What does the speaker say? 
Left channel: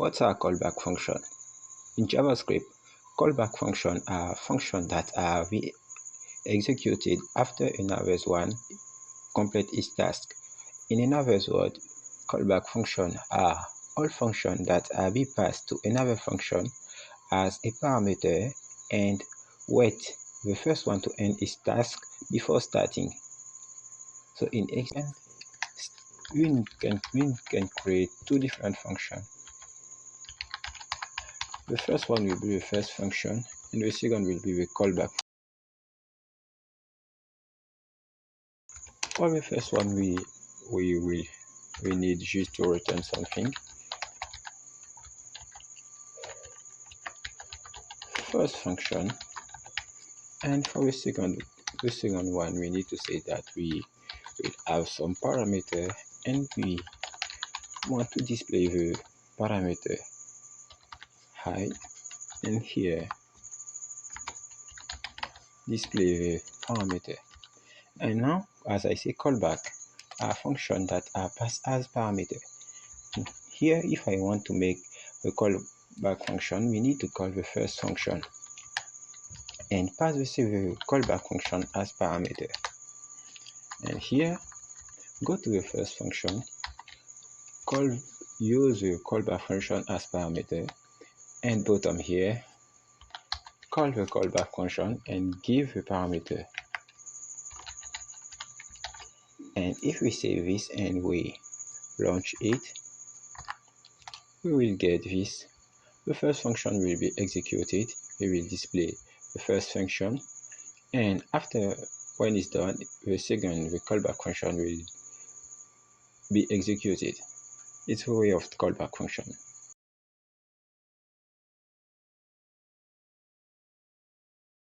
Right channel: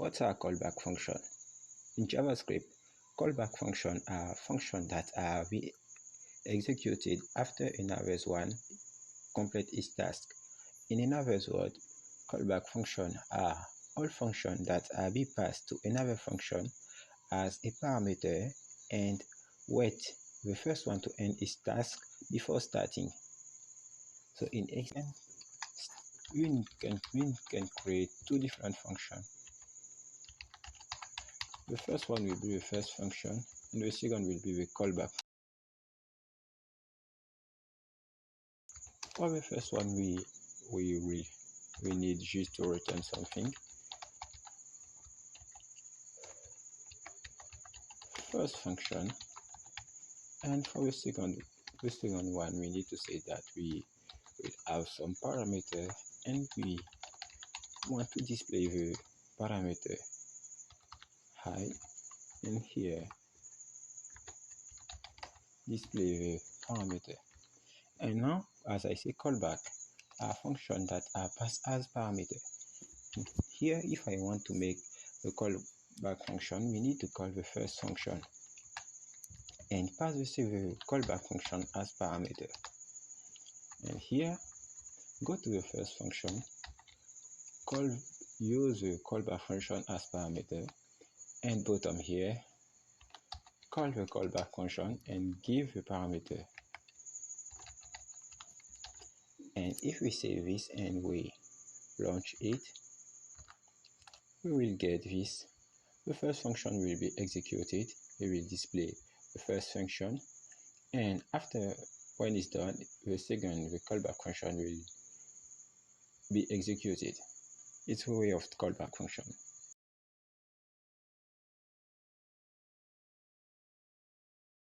What's our callback function? In JavaScript, callback functions are functions that are executed after a nervous one completes its task. In another word, callback functions are all functions that are be passed to another function as a parameter and wait the first one to end its task before starting. So in example, we can create two different functions. The first one will be the first function, and the second will be the callback. For the first one, we need just to return something. First function, and for the second one, we need to say that we will have some parameter, and we want to display the parameter height, and here display the parameter. And now, as I say, callback are functions that are passed as parameter. Here, if I want to make the callback function, we need to call the first function and pass the callback function as parameter. And here, go to the first function, use the callback function as parameter, and bottom here, call the callback function and give the parameter. And if we save this and we launch it, we will get this. The first function will be executed. We will display the first function, and after when it's done, the callback function will be executed. It's a way of callback function.